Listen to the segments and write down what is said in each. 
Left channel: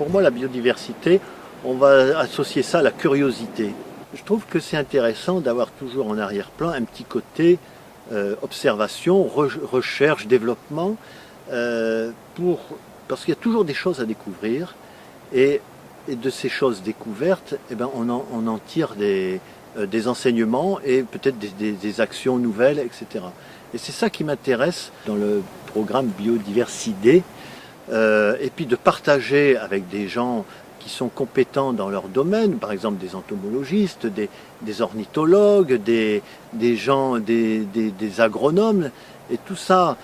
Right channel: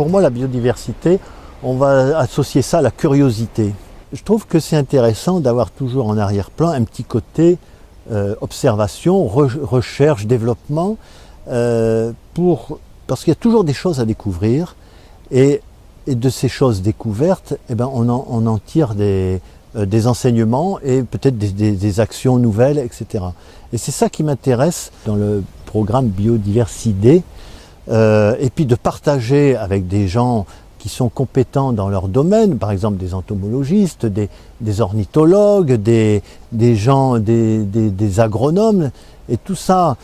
Pour moi, la biodiversité, on va associer ça à la curiosité. Je trouve que c'est intéressant d'avoir toujours en arrière-plan un petit côté observation, recherche, développement, parce qu'il y a toujours des choses à découvrir et de ces choses découvertes, eh ben, on en tire des enseignements et peut-être des actions nouvelles, etc. Et c'est ça qui m'intéresse dans le programme Biodiversité, et puis de partager avec des gens qui sont compétents dans leur domaine, par exemple des entomologistes, des ornithologues, des agronomes, et tout ça,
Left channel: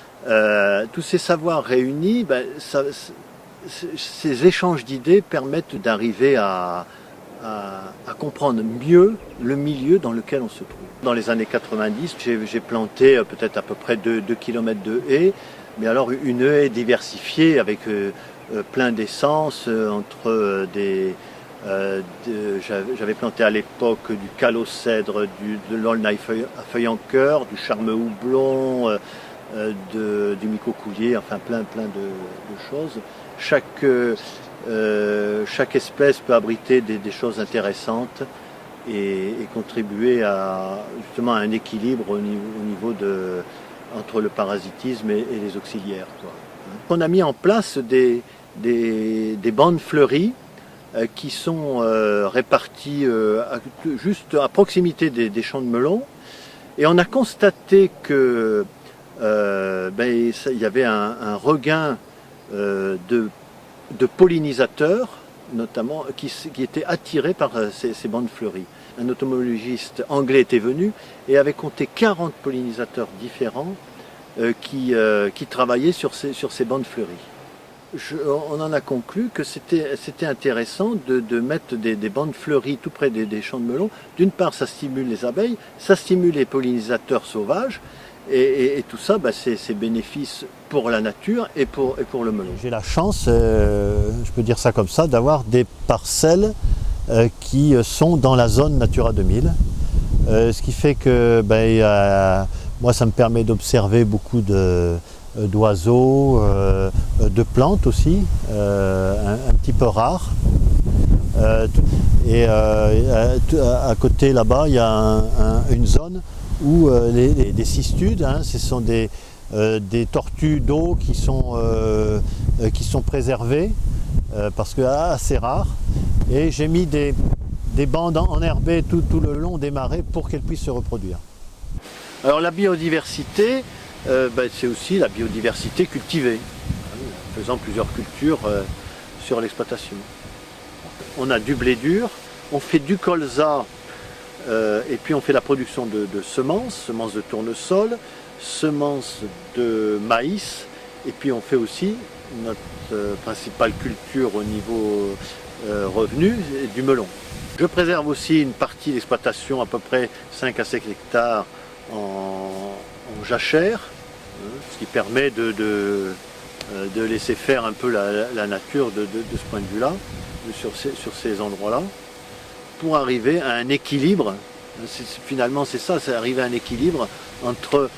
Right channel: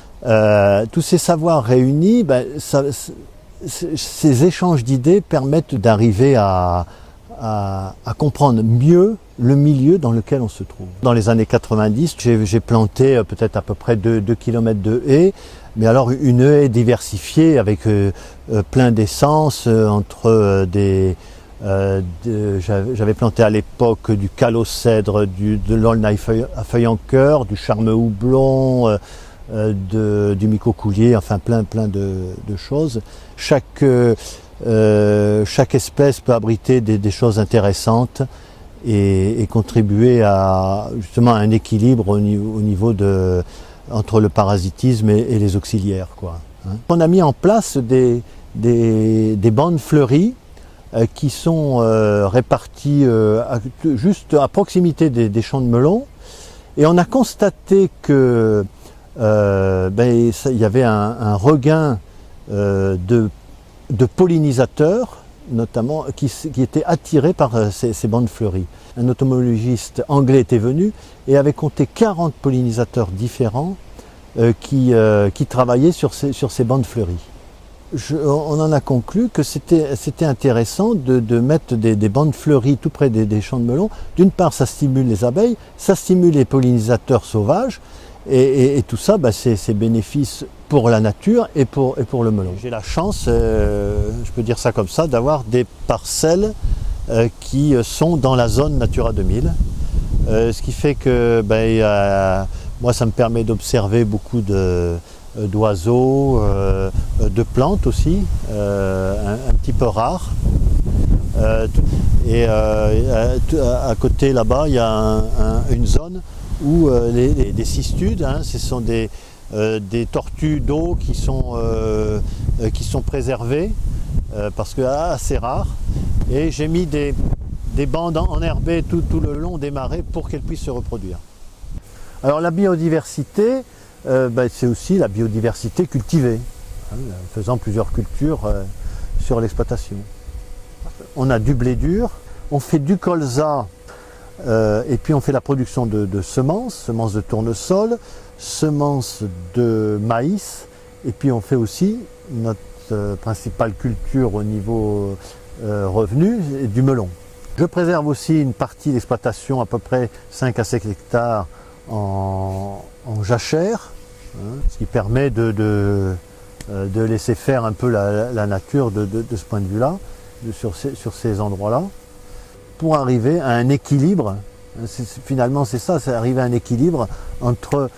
tous ces savoirs réunis, ben, ces échanges d'idées permettent d'arriver à comprendre mieux le milieu dans lequel on se trouve. Dans les années 90, j'ai planté peut-être à peu près 2 km de haies, mais alors une haie diversifiée avec plein d'essences entre j'avais planté à l'époque du calocèdre, de l'aulne à feuilles en cœur, du charme houblon, du micocoulier, enfin plein de choses. Chaque espèce peut abriter des choses intéressantes et contribuer justement à un équilibre au niveau entre le parasitisme et les auxiliaires, quoi. On a mis en place des bandes fleuries qui sont réparties juste à proximité des champs de melons, et on a constaté que il y avait un regain de pollinisateurs, notamment, qui étaient attirés par ces bandes fleuries. Un entomologiste anglais était venu et avait compté 40 pollinisateurs différents qui travaillaient sur ces bandes fleuries. On en a conclu que c'était intéressant de mettre des bandes fleuries tout près des champs de melons. D'une part, ça stimule les abeilles, ça stimule les pollinisateurs sauvages, et tout ça, c'est bénéfice pour la nature et pour le melon. J'ai la chance, je peux dire ça comme ça, d'avoir des parcelles qui sont dans la zone Natura 2000. Ce qui fait que moi, ça me permet d'observer beaucoup d'oiseaux, de plantes aussi, un petit peu rares. Et à côté là-bas, il y a une zone où des cistudes, ce sont des tortues d'eau qui sont préservées parce que assez rares. Et j'ai mis des bandes enherbées tout le long des marais pour qu'elles puissent se reproduire. Alors la biodiversité, c'est aussi la biodiversité cultivée, en faisant plusieurs cultures sur l'exploitation. On a du blé dur, on fait du colza, et puis on fait la production de semences de tournesol, semences de maïs, et puis on fait aussi notre principale culture au niveau revenu, du melon. Je préserve aussi une partie d'exploitation, à peu près 5 à 5 hectares en jachère, ce qui permet de laisser faire un peu la nature de ce point de vue-là, sur ces endroits-là, pour arriver à un équilibre. Finalement, c'est ça, c'est arriver à un équilibre entre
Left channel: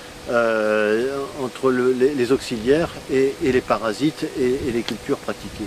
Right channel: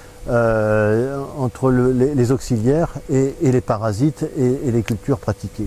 les auxiliaires et les parasites et les cultures pratiquées.